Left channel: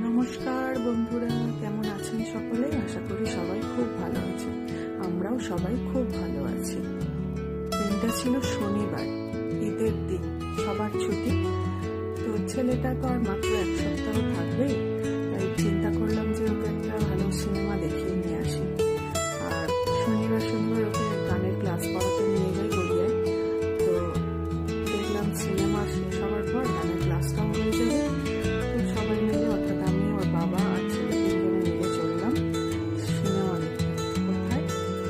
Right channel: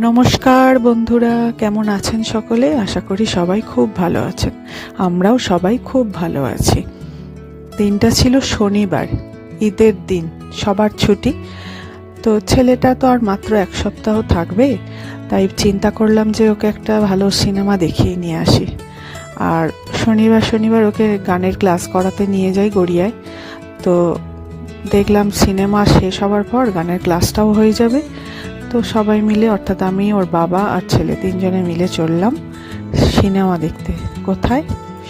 নমস্কার বন্ধুরা, কেমন আছেন সকলে? আশা করি সবাই খুব ভালো আছেন। আমরাও সবাই খুব ভালো আছি। দিনটা ছিল শনিবার, ঈদের দিন, সবার ছুটি। তো ছেলেটা তো আর মাত্র এক সপ্তাহ থাকবে, তাই চিন্তা করলাম যে ওকে একটা ভালো সিনেমা দেখিয়ে নিয়ে আসি। আর শনিবার শনিবার ওকে গানের ক্লাস করাতে নিয়ে যাই গড়িয়ায়। তো দেখলাম সিনেমা শেষ হওয়ার পর গানের ক্লাসটাও হয়ে যাবে। তো সবাই মিলে, অর্থাৎ আমি, ওর বাবা আর ছেলে, তিনজনে মিলে চললাম সিনেমা দেখতে। কোথায়?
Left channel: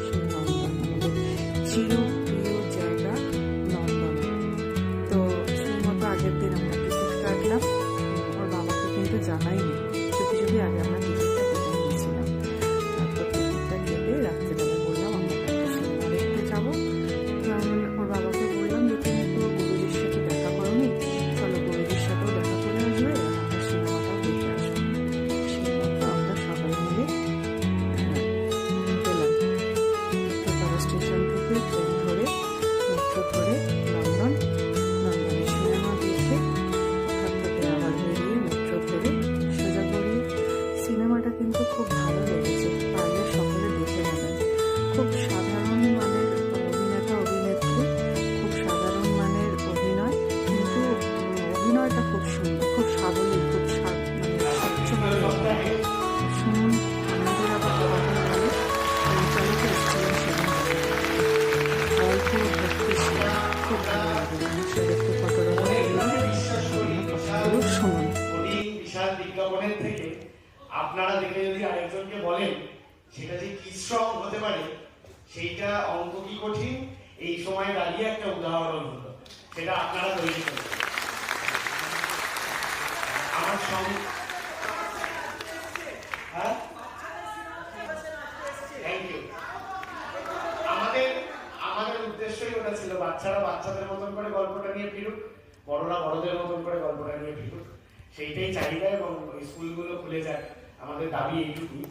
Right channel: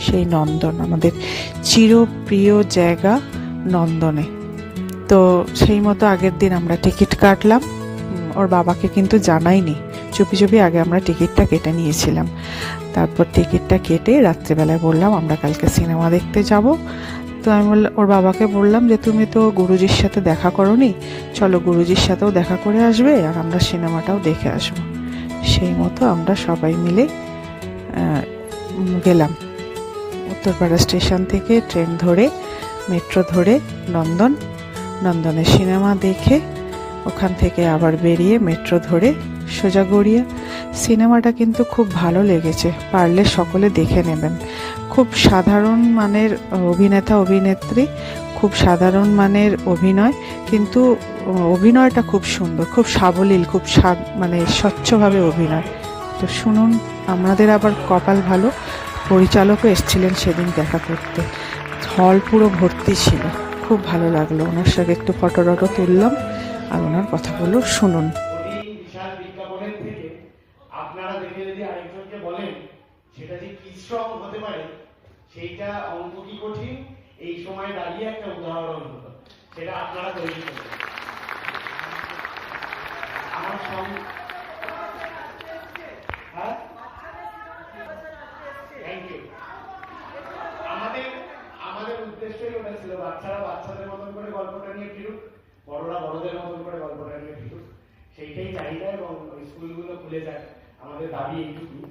সেই নন্দন, আমাদের চিরপ্রিয় জায়গা নন্দনে। তো সেই মতো আগের দিন আমরা টিকিট কাটলাম। ওর বাবাকে কিন্তু জানাইনি, চুপি চুপি আগে আমরা টিকিটটা কেটে নিয়েছিলাম। তারপর টিকিটটা কেটে রাত্রেবেলায় বললাম আমরা কালকে সিনেমা দেখতে যাব। তো আমি ওর বাবাকে বললাম যে তুমি তো গুরুজির সাথে দেখা করোনি, চলো গুরুজির সাথেও দেখা করে আসবে আর আমরা সিনেমাটাও দেখে আসবো। সেই মতো আমরা সবাই মিলে গেলাম। উত্তরপাড়া স্টেশন থেকে ট্রেন ধরে, মেট্রো ধরে নন্দনে সিনেমা দেখে ওখান থেকে আবার বেরিয়ে মেট্রো ধরে সোজা গড়িয়া। সিনেমাটা কিন্তু খুব ভালো লেগেছে, পারলে সকলে দেখে নেবেন। খুব সাধারণ মানের অভিনেতা অভিনেত্রী, খুব সাধারণ মানের অভিনয়, কিন্তু অভিনয়টা খুব সুন্দর, খুব সাবলীল, খুব মানে স্বচ্ছভাবে অভিনয়। তো শুনুন, আমাদের আবার কপাল ভালো, পরিচালকও এসেছিলেন সেদিন দেখা করতে। হল পুরো ভর্তি ছিল, খুব ভালো লাগলো। ওনার সাথে একটু ফটো টটো তুললাম আর ওনার কথাগুলো শুনুন। বিশাল বিজ্ঞাপনের থেকে আপনারা দেখে যদি আরেকজনকে বলেন সেটা যে কি শ্রম হতে পারে, সেইটা অঙ্ক কি কঠিন এই সময় দাঁড়িয়ে একটা উদাহরণ হলো, সেটা আপনারা তৈরি করুন। আমার সঙ্গে থ্যাংক ইউ। আমাদের আমাদের উদ্দেশ্যই ওটা ছিল, বাচ্চারা বাচ্চাদের মতন করে গল্পটা নিয়ে ফিরুক, বড়রা বড়দের মতন করে গল্পটা নিয়ে ফিরুক, সেইটাই চাহিদা। এবং স্কুলগুলো খুলে যায়, আমাদের দাবি এইটুকুই।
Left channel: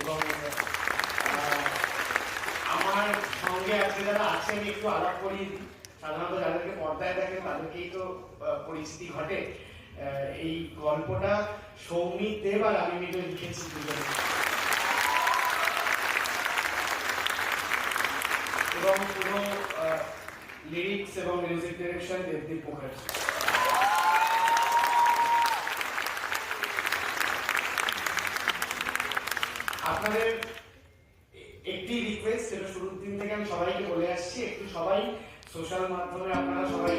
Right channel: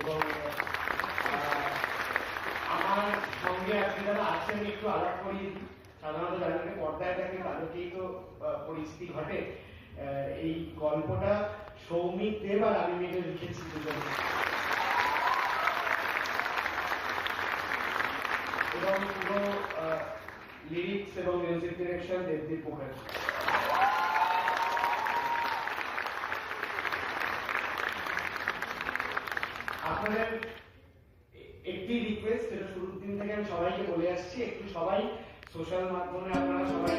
এবং আমার সঙ্গে আজকে যারা আছেন একটু আলাপ করিয়ে দিই। সাধারণত যাদেরকে পর্দায় দেখেন তাদেরকেই তো পরিচিতি ঘটে। এই গল্পটা সৌমিক দেব আর আমি মিলে লিখেছি দুজনে, এবং পুরো লিরিক্স এবং মিউজিক ডিরেকশন দেবদীপ মুখার্জি। আপনাদের একটি রিকোয়েস্ট, যেটা শুরুর দিন থেকে আমি সবাইকে বলে আসছি, একটু সবাই সোশ্যাল মাধ্যমে আপনারা সবাই